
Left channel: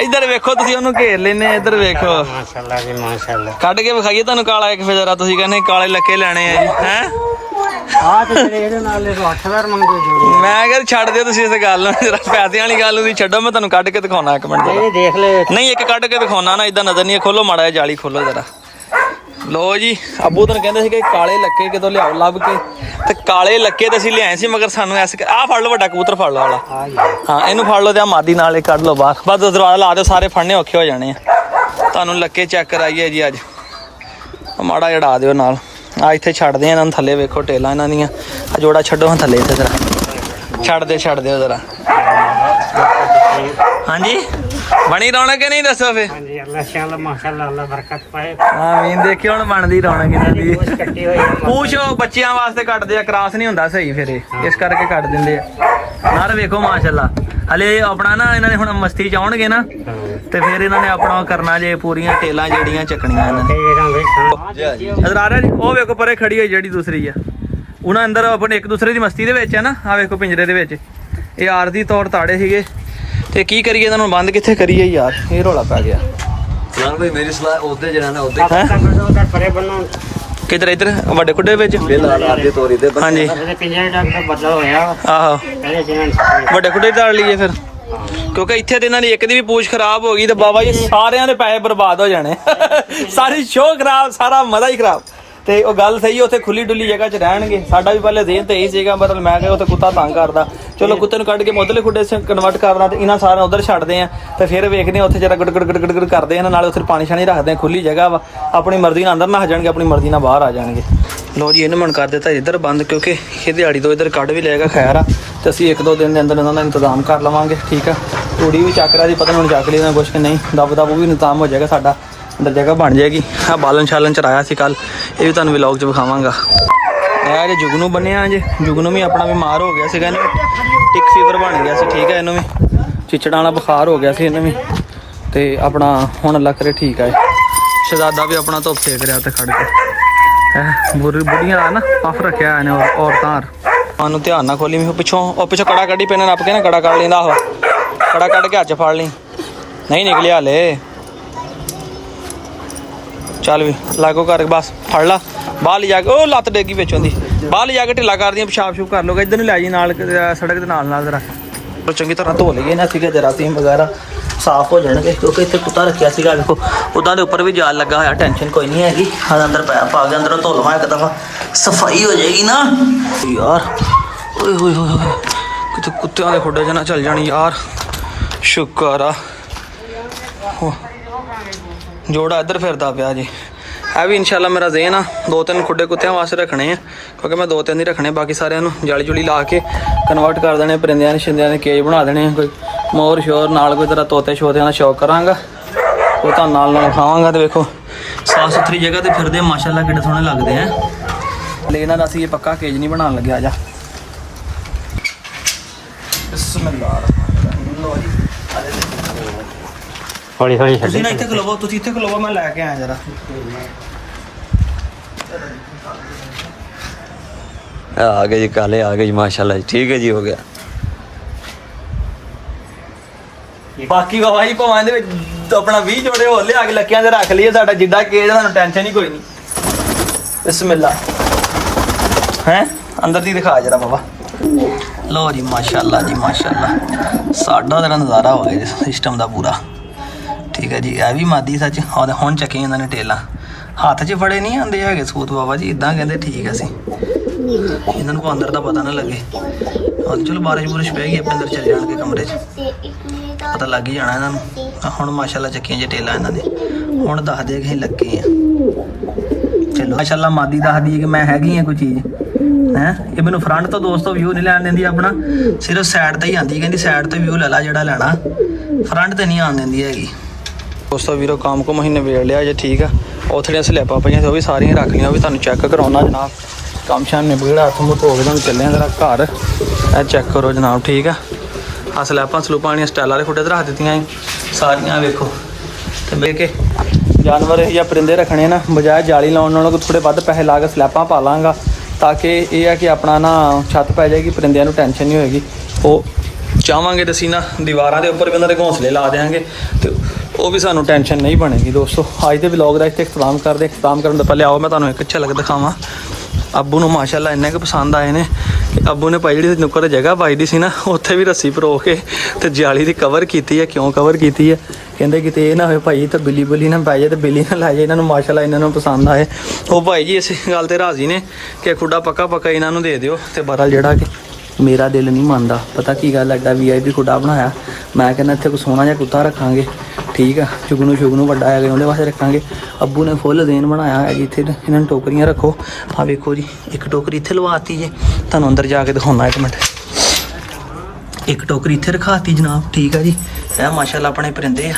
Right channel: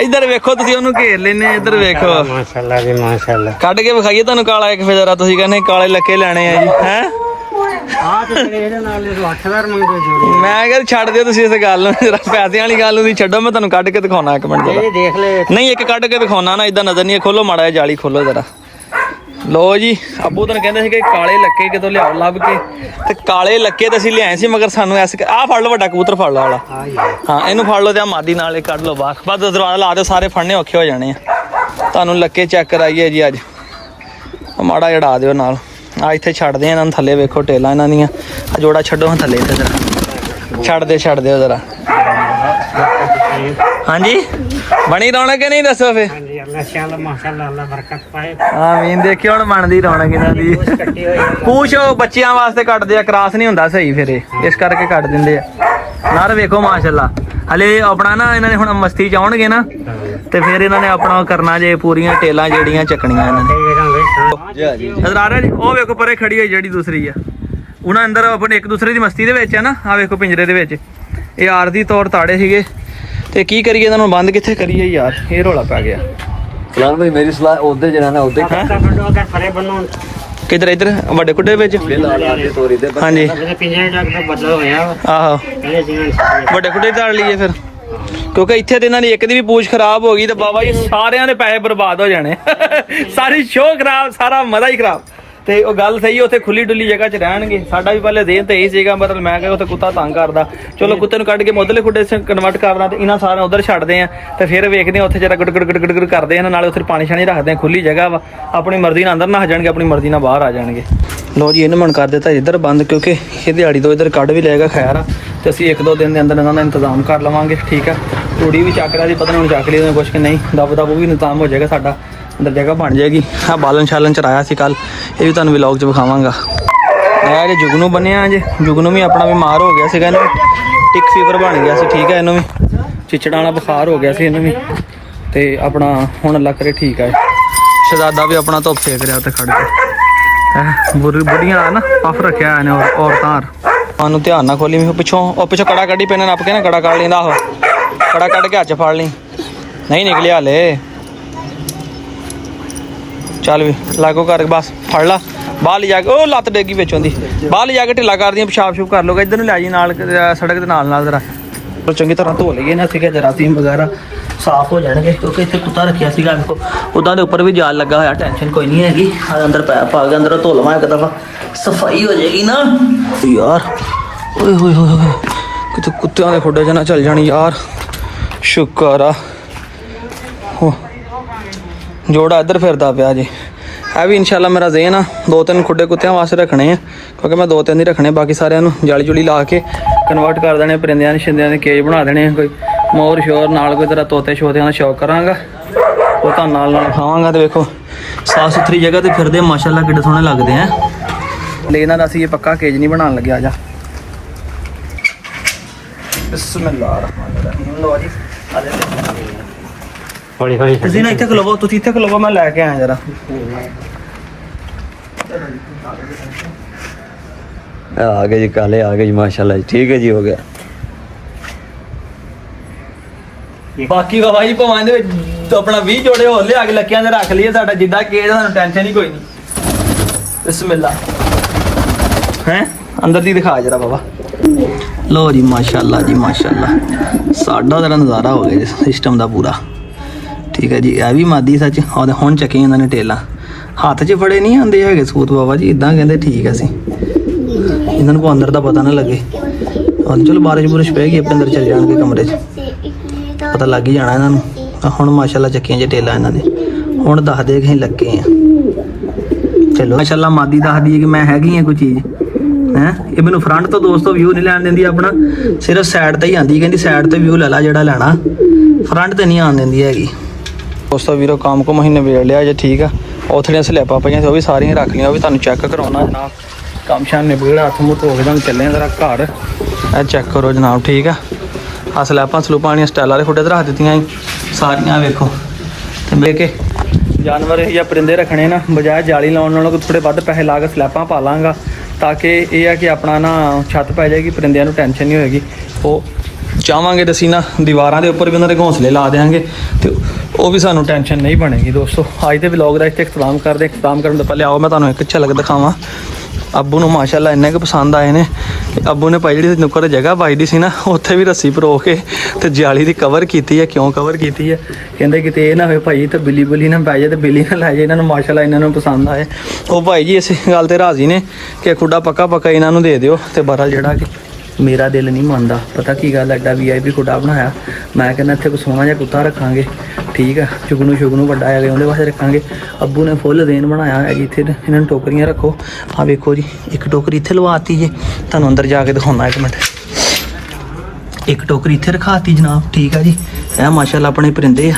ਇੱਧਰ ਵੇਖੋ ਤੁਸੀਂ, ਉਹਨੂੰ ਘੇਰ ਲੈਨੇ। ਇੱਧਰ ਵੇਖੋ ਮਾਸ਼ਾਅੱਲਾ ਜੀ ਮਾਸ਼ਾਅੱਲਾ। ਕੱਢ ਕੇ ਵਿਖਾਈਏ ਤੁਹਾਨੂੰ ਕਾਲਾ ਇੱਕ ਫੇਰ ਜ਼ਰਾ। ਤੁਸੀਂ ਕਹਿੰਦੇ ਕਾਲੇ ਲੱਕੇ ਲੈਣੇ ਆ ਜੀ ਹੈ। ਆ ਤੇ ਇਹਦੇ ਨਾਲ 8000 ਮੰਗਦੇ ਜੀ। ਮੈਂ ਕਿਹਾ ਛੱਡ ਦਿਓ ਤੁਸੀਂ ਇਸ ਗੱਲ ਨੂੰ, ਜਰਾ ਪੈਸਿਆਂ ਵਾਲੀ ਗੱਲ ਨੂੰ ਤੁਸੀਂ ਛੱਡੋ। ਮੈਂ ਤੁਹਾਨੂੰ ਕੱਢ ਕੇ ਦਿਖਾਉਣਾ ਇੱਕ ਮਿੰਟ ਜਰਾ। ਦੇਖ ਲੈ ਨਹੀਂ ਇੱਕ ਕੱਢ ਕੇ ਦਿਖਾਉਣਾ ਨਾ, ਇਦਾਂ ਨਜ਼ਰ ਨਹੀਂ। ਖੋਲੋ ਮਾੜਾ ਜਿਹਾ ਜਾਲੀ ਖੋਲੋ ਜਰਾ। ਲੋ ਜੀ, ਅੱਬੂ ਤੁਹਾਨੂੰ ਕਹਿੰਦੇ ਸੀ ਕਿ ਕਾਲੇ ਲੱਕੇ ਕਿਤੋਂ ਲਿਆਓ ਲੱਭ ਕੇ, ਤੇ ਕਾਲੇ ਲੱਕੇ ਤੇ ਅਸੀਂ ਲਿਆਏ ਸੀ, ਮਗਰ ਸਾਨੂੰ ਐਸ ਆਹ ਫੜ ਲਓ ਵੱਡਾ ਕਬੂਤਰ ਫੜ ਲਓ ਵਾਲਾ। ਹਾਂ ਇਹਨੂੰ ਫੜ ਲਓ ਤੇ ਆ ਮਾਦੀ ਨਾਲ ਹੀ ਕੱਢ ਲਓ ਬਾਹਰ। ਬਸ ਦਰਵਾਜ਼ਾ ਲਾ ਦਿਓ, ਸਾਰੇ ਫੜਨੇ ਔਖੇ ਹੋ ਜਾਣੇ ਆ। ਤੁਹਾਨੂੰ ਲੱਕੇ ਚੈੱਕ ਕਰਾਈਏ ਜੀ ਅੱਜ। ਮਾੜਾ ਜੜਾ ਦਿਓ ਨਾਲ। ਆ ਇੱਥੇ ਛੱਡਦੇ ਆ ਇਹਨਾਂ ਨੂੰ ਥੱਲੇ। ਵੇਖੋ ਟੇਲਾਂ ਇਹਨਾਂ ਦੀਆਂ। ਆ ਜੋੜਾ ਛੱਡੋ ਹਾਂ ਥੱਲੇ ਇੱਥੇ ਜਰਾ। ਛੱਡ ਦਿਓ ਜਰਾ। ਹਾਂਜੀ ਬਣੀ ਰੌਣਕ ਕਿ ਨਹੀਂ ਦੱਸੋ ਫੇ। ਹਾਂਜੀ ਅੱਲਾਹ ਮਾਸ਼ਾਅੱਲਾ ਅੱਲਾਹ ਬਰਕਤ ਪਾਏ। ਆਮੀਨ। ਦੇਖਿਓ ਹੁਣ ਬਣਦੀ ਰੌਣਕ ਇਹਨਾਂ ਦੀ। ਪੂਛ ਬੱਚਿਆਂ ਵਾਸਤੇ ਕੱਟਦੇ ਆ, ਕਰਾਸ ਨਹੀਂ ਹੁੰਦਾ ਸਹੀ ਫਿਰ ਇਹ, ਇਸ ਕਰਕੇ ਕੱਟ ਦਿੰਦੇ ਆ। ਨਰ ਵੇਖੋ ਮਾਸ਼ਾਅੱਲਾ। ਹਲੇ ਆਪਣਾ ਨਾ ਇਹਨਾਂ ਨੇ ਹੁਣ ਮਸਤੀ ਚ ਆਉਣਗੇ ਨਾ, ਤੇ ਫਿਰ ਇਹਨਾਂ ਨੇ ਆਪਣਾ ਕਰਨਾ ਜੇ ਪੂਰੀਆਂ ਟੇਲਾਂ ਜਿਹੜੀਆਂ ਚੱਕਣੀਆਂ ਇਹਨਾਂ ਨੇ। ਨਜ਼ਰ ਆ ਰਿਹਾ ਜੀ, ਉਹ ਵੇਖੋ ਪਰੇ ਖੜੀ ਹੋਈ ਜਿਹੜੀ ਦੂਸਰੀ ਆ। ਉਹਨਾਂ ਅੰਦਰ ਆਪਣੇ ਇੱਕ ਦੂਸਰੇ ਦੀ ਮਸਤੀ ਦੇ ਵਿੱਚ ਆ ਨਾ। ਆ ਵੇਖੋ ਪਿੰਜਰੇ ਦੇ ਵਿੱਚ ਇਹ ਆਰਜ਼ੀ ਤੌਰ ਤਾੜੇ ਸੀਗੇ, ਤੇ ਕੀ ਕਰੀਏ ਇਹਨਾਂ ਨੂੰ ਬੰਦ ਕਿੱਥੇ ਕਰੀਏ ਯਾਰ, ਇਹ ਰੌਲਾ ਪੈ ਗਿਆ। ਫਲਾਨ ਭਾਈ ਮੇਰੀ ਸਲਾਹ ਉਹਦੇ ਜਿਹੜਾ ਨਾ ਉਹਦੇ ਕਿਧਰ ਇੱਧਰ ਵੱਡੇ ਕੁੱਡੇ ਵਿੱਚ। ਤੋਰੀ ਤੇ ਹਾਂਜੀ ਪਿੰਜਰੇ ਦਾ ਬਦਲ ਹੋਇਆ। ਆਹੋ ਵੱਡੇ ਕੁੱਡੇ ਢਾਲ ਲਈਏ ਫਿਰ, ਕਿਉਂਕਿ ਇੱਥੇ ਤੇ ਇਹਨਾਂ ਦੀ ਇੱਕ ਦੀ ਵੀ ਪੂਛ ਖਰਾਬ ਹੋ ਗਈ ਤੇ ਬਾਬਾ ਜੀ ਸਾਰਿਆਂ ਦੇ ਪੈਸੇ ਬਰਬਾਦ ਹੋ ਜਾਣੇ। ਸਾਰੀ ਸ਼ੋਅ ਖਰਾਬ, ਸਾਰਾ ਮਜ਼ਾ ਹੀ ਖਰਾਬ। ਤੇ ਉਹ ਗੱਲ ਸਹੀ, ਉੱਥੇ ਖੁੱਲੀ ਡੁੱਲੀ ਜਗ੍ਹਾ 'ਚ ਰਹਿਣਗੇ। ਸਾਡਾ ਵੀ ਪਹਿਲੇ ਦੇਣ ਤੇ ਇਹੀ ਸੀਗਾ, ਮਤਲਬ ਮੈਂ ਕਿਹਾ ਉੱਥੇ ਕੁੱਤਾ ਤੰਗ ਕਰਦਾ, ਚਲੋ ਕੁੱਤੇ ਨੂੰ ਕੱਢ ਕੇ ਮੁੱਢਲੇ ਖੁੱਡੇ 'ਚ ਕਨਵਰਟ ਕਰਨਾ, ਤੇ ਇਹਨਾਂ ਸਾਰਿਆਂ ਉਧਰ ਛੱਡਦੇ ਆ। ਤੇ ਫਿਰ ਵੇਖਦੇ ਆ ਉੱਥੇ ਜਰਾ ਗੜ ਕਰਦੇ ਆ, ਨਾਲੇ ਉੱਥੇ ਪਾਣੀ ਛਾਣੀ ਰੱਖਦੇ ਆ, ਖੁੱਲੀ ਜਗ੍ਹਾ ਵਾ। ਆਪਣੀ ਮਰਜ਼ੀ ਨਾਲ ਅੰਦਰ ਨਾ ਆ ਜਾਣਗੇ, ਆਪਣੀ ਮਰਜ਼ੀ ਨਾਲ ਬਾਹਰ ਆ ਜਾਣਗੇ। ਲੋ ਜੀ ਇਹਨੂੰ ਮਨ ਕਰ ਦਿੱਤਾ ਇੱਧਰ ਬੰਦ, ਕਿਉਂਕਿ ਇਹ ਦਿਹਾੜੀ ਤੋਂ ਇੱਧਰ ਕੱਢ ਵੀ ਲਏਗਾ ਖੈਰ ਆ। ਤੇ ਅਸੀਂ 1-2 ਦਿਨ ਦੇ ਅੰਦਰ ਇਹਨਾਂ ਦਾ ਇੰਤਜ਼ਾਮ ਕਰ ਲਵਾਂਗੇ, ਠੀਕ ਆ। ਤੂੜੀ ਵੀ ਚੱਕ ਰਿਹਾ ਜੀ, ਪਤਾ ਨਹੀਂ ਹੁਣ ਚੱਕ ਲਈ ਉਹਨਾਂ ਕੁਛ ਕਿ ਨਹੀਂ। ਦਬ ਉਹ ਵੀ ਇੰਤਜ਼ਾਮ ਹੋ ਜਾਏਗਾ ਸਾਡਾ, ਅੰਦਰ ਜਗ੍ਹਾ ਬਣ ਜਾਏਗੀ। ਆ ਬਾਲਣ ਛਾਲਣ ਚਰਾਇਆ ਸੀ ਕੱਲ, ਇਹ ਵੀ ਤੁਹਾਨੂੰ ਵਲੌਗ 'ਚ ਵਿਖਾਵਾਂਗਾ। ਇਹ ਜੇ ਜੁਗਨੂ ਬਣਿਆ ਜੇ, ਜੁਗਨੂ ਵੀ ਆਪਣਾ ਬਿਮਾਰ ਹੋ ਗਿਆ ਸੀਗਾ, ਇਹਨੂੰ ਟਿਕ ਫੀਵਰ ਬਣ ਗਿਆ ਸੀ, ਠੀਕ ਹੈ। ਇਹਨੂੰ ਵੀ ਚਿਚੜਾਂ ਵਾਲਾ ਬੁਖਾਰ ਹੋ ਗਿਆ ਸੀ ਇਹਨੂੰ ਵੀ, ਤੇ ਆਪਣਾ ਹੁਣ ਅੱਲਾ ਕਰੇ ਠੀਕ ਆ। ਸ਼ਹਜ਼ਾਦਾ ਵੀ ਆਪਣਾ ਧੁੱਪ ਸੇਕ ਰਿਹਾ ਉੱਥੇ ਖੜ ਕੇ। ਬੁੱਢੀਆਂ ਦਾ ਨਾ ਪਫ ਰੱਖਿਆ ਇਹਨੇ ਔਰਤਾਂ। ਸਾਨੂੰ ਧਿਆਨ ਨਾਲ ਖੋਲੀ, ਪਿੱਛੋਂ ਉਹ ਪਿੱਛੋਂ ਕੜਾ ਕੱਢੀ ਪੈਨ ਨੱਪ ਕੇ ਨਾ, ਕੜਾ ਕੱਢ ਲੈਂਦਾ। ਆਹੋ ਕੜਾ ਕੱਢ ਕੇ ਹੱਥ 'ਚ ਫੜ ਲਈ, ਨਹੀਂ ਨਿਕਲਿਆ ਹਲੇ। ਚੱਲ ਵੀ ਲਾਗੋ ਕਰ, ਬਸ ਫੜ ਲਾ। ਬਾਹਰ ਲਿਜਾ ਕੇ ਉਹ ਲੱਤ ਡੇਗੀ ਵਿੱਚੋਂ ਦੀ, ਬਾਹਰ ਲਿਜਾ ਕੇ ਢਿੱਲਾ ਕਰਦੀਆਂ, ਪਿਸ਼ਾਬ ਸ਼ੂਬ ਕਰ ਲੋਗਾ। ਇੱਧਰ ਨੂੰ ਲੈ ਜੀ ਨਾਲ ਸੜਕ ਦੇ ਨਾਲ ਜ਼ਰਾ ਚੰਗੀ ਤਰ੍ਹਾਂ ਧੋ ਲਈਏ ਨਾ, ਠੀਕ ਹੈ। ਜਰਾਸੀਮ ਵਗੈਰਾ ਸਾਫ਼ ਹੋ ਜਾਣਗੇ, ਕਿਉਂਕਿ ਇੱਥੇ ਕੁੱਤਾ ਰੱਖਿਆ ਸੀਗਾ। ਵੇਖੋ ਉੱਦਾਂ ਦੇ ਉੱਪਰ ਵੀ ਜਾਲ ਲੱਗਾ ਹੋਇਆ, ਟੈਨਸ਼ਨ ਕੋਈ ਨਹੀਂ ਹੈਗੀ। ਅੰਦਰ ਪੈਪ ਪਾ ਕੇ ਅੰਦਰੋਂ ਧੋ ਲਵਾਂ ਇੱਕ ਦਫਾ, ਸਫਾਈ ਹੋ ਜਾਏਗੀ ਨਾ ਯਾਰ। ਓਏ ਹੋਏ ਹੋਏ, ਕਿਤੇ ਕੁੱਤਿਆਂ ਦੇ ਖੁੱਡੇ 'ਚ ਨਾ ਚੱਲ ਜਾਣੀ ਯਾਰ। ਸ਼ੁਕਰ ਆ ਜੋੜਾ ਇੱਧਰ ਫਿਰਦਾ ਪਿਆ ਜੀ। ਇਹ ਵੀ ਇਨਸ਼ਾਅੱਲਾ ਮੇਰਾ ਜ਼ੇਨ ਆ 2-3 ਖੁੱਡੇ ਕੁੱਤਿਆਂ ਵਾਸਤੇ ਰੱਖਣੇ ਆ, ਕਿਉਂਕਿ ਮੈਂ 2-3 ਹੀ ਰੱਖਣੇ, ਬਾਕੀ ਸਾਰਿਆਂ ਨੂੰ ਜਾਲੀ ਜੁਲੀ ਲਾ ਕੇ ਕਨਵਰਟ ਕਰ ਦੇਣੇ, ਪਰਿੰਦਿਆਂ ਨੇ ਛਿੰਦਿਆਂ ਦੇ ਕੇਜ ਬਣਾ ਦੇਣੇ। ਕੋਈ ਮੋਰ ਸ਼ੋਰ ਨਾਲ ਕੋਈ ਤਰ੍ਹਾਂ ਤੋਤੇ ਸ਼ੋਤਿਆਂ ਦਾ ਸ਼ੌਕ ਕਰਾਂਗਾ, ਉਹ ਤਾਂ ਨਾਲ ਖਾਵਾਂਗਾ। ਤੇ ਵੇਖੋ ਸਾਫ਼ ਸੁਥਰੀ ਜਗ੍ਹਾ ਤੇ ਫਿਰਦੇ ਮਾਸ਼ਾਅੱਲਾ, ਕਿੱਡੇ ਸੋਹਣੇ ਲੱਗਦੇ ਆ। ਲੈ ਇਹਨਾਂ ਦਾ ਅਸੀਂ ਇਹ ਪੱਕਾ ਕੇਜ ਨਹੀਂ ਬਣਾਉਣ ਲੱਗਿਆ। ਜਾ ਬਿਸਮਿਲ੍ਲਾਹ ਰਹਿਮਾਨ ਰਹੀਮ। ਲੋ ਜੀ ਹੌਲੀ ਤੁਸੀਂ ਨਾ ਇੱਥੇ ਖਲੋਵੋ, ਤੁਸੀਂ ਇੱਥੇ ਖਲੋਵੋ, ਮੈਂ ਲੈ ਕੇ ਆਇਆ ਜਰਾ। ਆ ਗਏ ਜੀ, ਕਾਲੇ ਆ ਗਏ ਜੀ ਮਾਸ਼ਾਅੱਲਾ ਜੀ, ਠੀਕ ਹੈ ਜੀ, ਹੋ ਗਿਆ। ਬਾਕੀ ਬਾਬਾ ਜੀ ਭਵਾਂ ਦੇ ਵਿੱਚ ਆਪਣਾ 20 ਜੋੜੇ ਹੋਰ ਲਿਆ ਕੇ ਲੱਕਿਆਂ ਦੇ ਰੱਖ ਲਈਏ, ਸਾਡਾ ਜਿੱਦਾਂ ਕੇਜ ਦਾ ਟੈਨਸ਼ਨ ਹੀ ਕੋਈ ਨਹੀਂ। ਬਿਸਮਿਲ੍ਲਾ ਹੈ ਅੰਦਰ ਦੀ ਦਿਖਾ ਜਰਾ ਬਾਬਾ। ਲੋ ਜੀ ਮਾਸ਼ਾਅੱਲਾ ਜੀ ਮਾਸ਼ਾਅੱਲਾ, ਸਾਡਾ ਤਾਂ ਨਜ਼ਾਰਾ ਹੋ ਗਿਆ ਜੀ ਸਿਸਟਮ ਦਾ ਪੂਰਾ, ਠੀਕ ਹੈ ਜੀ। ਇਹ ਵੀ ਮਾਦੀ ਸੱਚ ਹੁਣ ਚੱਕੀ ਇਹਨਾਂ ਨੇ ਟੇਲਾਂ, ਹੱਥ 'ਚ ਫੜੇ ਨਹੀਂ ਆਉਂਦੇ ਹੈਗੇ ਸੂਤ ਬਾਬਾ ਜੀ, ਇਦਾਂ ਕਹਿੰਦੇ ਠੀਕ ਹੈ। ਅਸੀਂ ਇਹਨਾਂ ਨੂੰ ਅੰਦਰ ਦਾ ਪਤਾ ਨਾ ਲੱਗੇ। ਚਲੋ ਬਾਰਿਸ਼ ਬੁਰਿਸ਼ ਪੈ ਗਈ, ਆਪਣੇ ਅੰਦਰ ਚਲੇ ਜਾਣਗੇ ਕਮਰੇ 'ਚ, ਪਤਾ ਲੱਗ ਹੀ ਜਾਣਾ ਇਹਨਾਂ ਨੂੰ। ਹੁਣ ਮਾਸ਼ਾਅੱਲਾ ਚੱਕੀਆਂ ਜੇ ਟੇਲਾਂ ਇਹਨਾਂ ਨੇ, ਹੁਣ ਦੱਸਦੇ ਕਿ ਅਸੀਂ ਲੱਗੇ ਆ। ਚਲੋ ਮਾਸ਼ਾਅੱਲਾ ਮਾਦੀ ਦੱਸਦੀ ਹੈ ਕਿ ਮੈਂ ਹੈਗੀ ਆ ਕੋਈ ਚੀਜ਼ ਹੈ। ਇਹ ਮੈਨੂੰ ਫਰੰਟ ਤੋਂ ਦੋਸਤੋ ਵਿਊ ਨਹੀਂ ਲੈਣ ਦਿੰਦੀ, ਆਪਣਾ ਸਿਰਫ ਸਾਈਡ ਤੇ ਹੀ ਆਂਦੀ, ਕਹਿੰਦੀ ਸਾਈਡ ਤੇ ਵਿਊ ਲੈ ਲਾ ਜਿਹੜਾ ਲੈਣਾ, ਫਰੰਟ ਤੇ ਨਹੀਂ ਆਉਣ ਦਿੰਦੀ ਹੈਗੀ। ਦੋਸਤੋ ਵੀਰੋ ਕੰਮ ਕੋ ਮਹੀਨੇ ਵੇੜ ਲਿਆ ਜੇ, ਠੀਕ ਆ। ਉਥੜੀਆਂ ਸਲੈਬਾਂ ਪਈਆਂ ਸੀ ਉਹ ਵੀ ਸਾਰੀਆਂ ਰੱਖ ਲਈਆਂ, ਉਹ ਵੀ ਤੁਹਾਨੂੰ ਚੈੱਕ ਕਰਾਉਣਾ ਜਨਾਬ। ਕੰਮ ਸ਼ਾਮ ਨਿਬੜਾ ਹੱਥ ਮੂੰਹ ਧੋ ਕੇ ਤੁਹਾਨੂੰ ਚੱਲੇ ਆ ਜ਼ਰਾ ਘਰ। ਇਹ ਚੈੱਕ ਕਰੋ ਜਨਾਬ, ਠੀਕ ਆ। ਆ ਸਲੈਬਾਂ ਸਲੂਪਾਂ ਵਾਲੀਆਂ ਸਟਾਈਲ ਵਾਲੇ ਖੁੱਡੇ ਤੇ ਰੱਖ ਦਿੱਤੀਆਂ ਸੀ ਸਾਰੀਆਂ, ਵੇਖੋ। ਤੇ ਮੇਰੇ ਕੇ ਜਾਨਵਰ ਜਾਂ ਪਰਿੰਦੇ ਰੱਖਣੇ ਨਾ, ਬਜਾਏ ਜਾਲੀ ਲਾਉਣ ਨਾਲੋਂ ਥੋੜ੍ਹੇ ਵੱਧ ਪੈਸੇ ਲਾ ਕੇ ਸਲੈਬਾਂ ਪਾ ਲਾਂਗਾ, ਤਾਂ ਕਿ ਇਹ ਆ ਕਿ ਆਪਣਾ ਨਾ ਛੱਤ ਪੈ ਜਾਏਗੀ, ਪਰਿੰਦਿਆਂ ਨੂੰ ਟੈਨਸ਼ਨ ਨਹੀਂ ਹੋਏਗੀ। ਉਹ ਚਾਹਾਂਗੇ ਤਾਂ ਅਸੀਂ ਨਾ ਦੀਵਾਰਾਂ ਦੇ ਉੱਪਰ ਵੀ ਉਹਨਾਂ ਦੇ ਘੋਂਸਲੇ ਲਾ ਦੇਵਾਂਗੇ, ਤੇ ਉਹ ਵੀ ਸਾਨੂੰ ਟੈਨਸ਼ਨ ਨਹੀਂ ਬਣੇਗੀ। ਦੋਸਤੋ ਅੱਜ ਦੇ ਵਲੌਗ ਦਾ ਇੱਥੇ ਇਖਤਤਾਮ ਕਰਦੇ। ਇਖਤਤਾਮ ਕਰਨ ਤੋਂ ਪਹਿਲੇ ਆਓ ਮੈਂ ਤੁਹਾਨੂੰ ਇੱਕ ਝਲਕ ਦਿਖਾਵਾਂ। ਅੱਬੂ ਨੂੰ ਮਾਸ਼ਾਅੱਲਾ ਇੰਨੇ ਕੁ ਪਸੰਦ ਆਏ ਨੇ ਕਿ ਅੱਬੂ ਨੇ ਭਾਈ ਜਿਹੜੀ ਨੁੱਕਰ ਜਗ੍ਹਾ ਪਾਈਦੀ ਸੀ ਨਾ, ਉੱਥੇ ਵੀ ਰੱਸੀ ਪਰੋ ਕੇ ਤੇ ਜਾਲੀ ਦੀ ਕਵਰ ਕੀਤੀ ਹੈ। ਕਿਉਂ ਕਵਰ ਕੀਤੀ ਹੈ? ਕਹਿੰਦੇ ਕਿਤੇ ਇਹ ਨਾ ਹੋਵੇ ਭਾਈ ਤੇ ਬਿੱਲੀ ਬੁੱਲੀ ਨਾ ਪੈ ਜਾਏ ਤੇ ਬਿੱਲੀ ਨਾ ਲੈ ਜਾਏ। ਇਹਨਾਂ ਨੂੰ ਮਾਸ਼ਾਅੱਲਾ ਇਹਨਾਂ ਨੂੰ ਪਸੰਦ ਆਏ। ਉਹ ਭਾਈ ਜੀ ਇਸ ਗੱਲ ਤੇ ਰਾਜ਼ੀ ਨੇ ਕਿ ਖੁੱਡਾ ਪੱਕਾ ਪੱਕਾ ਇਹਨਾਂ ਨੂੰ ਦੇ ਦਿਓ। ਤੇ ਬਹਰਹਾਲ ਜਿਹੜਾ ਕਿ ਮੇਰਾ ਦਿਲ ਨਹੀਂ ਮੰਨਦਾ, ਪਤਾ ਕੀ ਗੱਲ, ਐਡਾ VIP ਖੁੱਡਾ ਬਣਾਇਆ। ਮੈਂ ਕਹਿੰਦਾ ਇੱਥੇ ਕੋਈ ਸੋਹਣਾ ਜਿਹਾ ਕੁੱਤਾ ਰੱਖਾਂਗੇ, ਠੀਕ ਆ। ਚੁਗਨੂ ਵੱਡਾ ਹੈਗਾ, ਉਹਦੇ ਵਾਸਤੇ ਰੱਖਾਂਗੇ। ਅੱਬੂ ਨੇ ਫੁੱਲ ਦੇਣ ਬਣਾਇਆ ਹੈ ਜੀ। ਇੱਥੇ ਇਹਨਾਂ ਨੂੰ ਟੋਕਰੀਆਂ ਰੱਖੋ। ਆਹ ਵੇਖੋ ਜੀ, ਇੱਕ ਟੋਕਰੀ ਇੱਥੇ ਲਵਾਤੀ ਜੀ, ਤੁਹਾਨੂੰ ਅੰਦਰ ਜਾ ਕੇ ਦਿਖਾਉਣਾ ਇੱਕ ਮਿੰਟ। ਇੱਕ ਟੋਕਰੀ ਇੱਥੇ ਰਖਾਤੀ ਜਨਾਬ, ਠੀਕ ਆ ਜੀ। ਇਹ ਮਾਸ਼ਾਅੱਲਾ ਆਪਣੇ ਪਰਿੰਦੇ ਆ।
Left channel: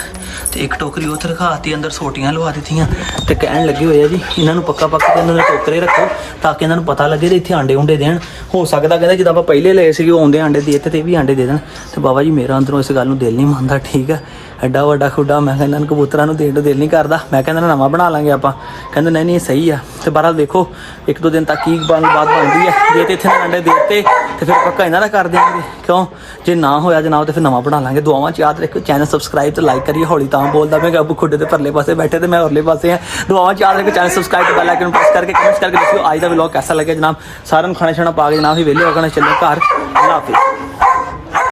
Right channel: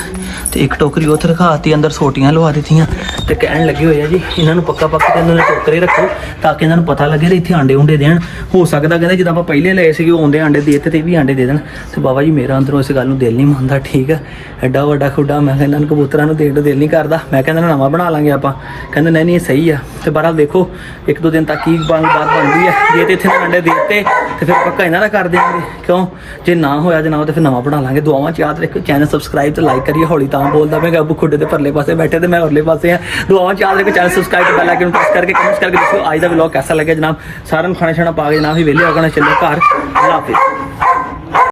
ਤੇ ਇੱਕ ਟੋਕਰੀ ਉੱਥੇ ਰਖਾਤੀ, ਅੰਦਰ ਸੋਟੀਆਂ ਲਵਾ ਦਿੱਤੀਆਂ। ਤੇ ਕਹਿਣ ਲੱਗੇ ਹੋਏ ਆ ਜੀ ਇਹਨਾਂ ਨੂੰ ਪੱਕਾ ਤੇ ਇਹਨਾਂ ਦੇ ਟੋਕਰੇ ਰੱਖੋ, ਤਾਂ ਕਿ ਇਹਨਾਂ ਨੂੰ ਪਤਾ ਲੱਗੇ ਤੇ ਇੱਥੇ ਆਂਡੇ ਉਂਡੇ ਦੇਣ। ਹੋ ਸਕਦਾ ਕਹਿੰਦੇ ਜਿੱਦਾਂ ਆਪਾਂ ਪਹਿਲੇ ਲਏ ਸੀਗੇ ਉਹ ਆਉਂਦੇ ਆਂਡੇ ਦੇ ਦਿੱਤੇ ਤੇ ਇਹ ਵੀ ਆਂਡੇ ਦੇ ਦੇਣ। ਤੇ ਬਾਬਾ ਜੀ ਮੇਰਾ ਅੰਦਰੋਂ ਇਸ ਗੱਲ ਨੂੰ ਦਿਲ ਨਹੀਂ ਮੰਨਦਾ, ਠੀਕ ਆ। ਐਡਾ ਵੱਡਾ ਖੁੱਡਾ ਮੈਂ ਇਹਨਾਂ ਨੂੰ ਕਬੂਤਰਾਂ ਨੂੰ ਦੇਣ ਨੂੰ ਦਿਲ ਨਹੀਂ ਕਰਦਾ। ਮੈਂ ਕਹਿੰਦਾ ਨਵਾਂ ਬਣਾ ਲਾਂਗੇ ਆਪਾਂ। ਕਹਿੰਦੇ ਨਹੀਂ ਇਹ ਸਹੀ ਆ। ਤੇ ਬਹਰਹਾਲ ਦੇਖੋ 1-2 ਦਿਨ ਤੱਕ ਕੀ ਬਾਤ ਬਣਦੀ ਹੈ। ਜੇ ਤੇ ਇੱਥੇ ਆਂਡੇ ਦੇ ਦਿੱਤੇ ਤੇ ਫਿਰ ਪੱਕਾ ਇਹਨਾਂ ਦਾ ਕਰ ਦਿਆਂਗੇ। ਕਿਉਂ? ਜੇ ਨਾ ਹੋਇਆ ਜਨਾਬ ਤੇ ਫਿਰ ਨਵਾਂ ਬਣਾ ਲਾਂਗੇ। ਦੁਆਵਾਂ 'ਚ ਯਾਦ ਰੱਖੋ, ਚੈਨਲ ਸਬਸਕ੍ਰਾਈਬ ਤੇ ਲਾਈਕ ਕਰੀਏ। ਹੌਲੀ ਤਾਂ ਬੋਲਦਾ ਮੈਂ ਕਿ ਅੱਬੂ ਖੁੱਡੇ ਦੇ ਪਰਲੇ ਪਾਸੇ ਬੈਠੇ ਤੇ ਮੈਂ ਉਰਲੇ ਪਾਸੇ ਆ। ਦੁਆਵਾਂ 'ਚ ਯਾਦ ਰੱਖੋ, ਚੈਨਲ ਸਬਸਕ੍ਰਾਈਬ ਤੇ ਬੈਲ ਆਈਕਨ ਪ੍ਰੈਸ ਕਰਕੇ ਕਮੈਂਟਸ ਕਰਕੇ ਦੱਸਿਓ ਅੱਜ ਦਾ ਵਲੌਗ कैसा लगे जनाब। सारे खाना छाना पा के जनाब ही वेले होकर चलो घर। अल्लाह हाफिज़।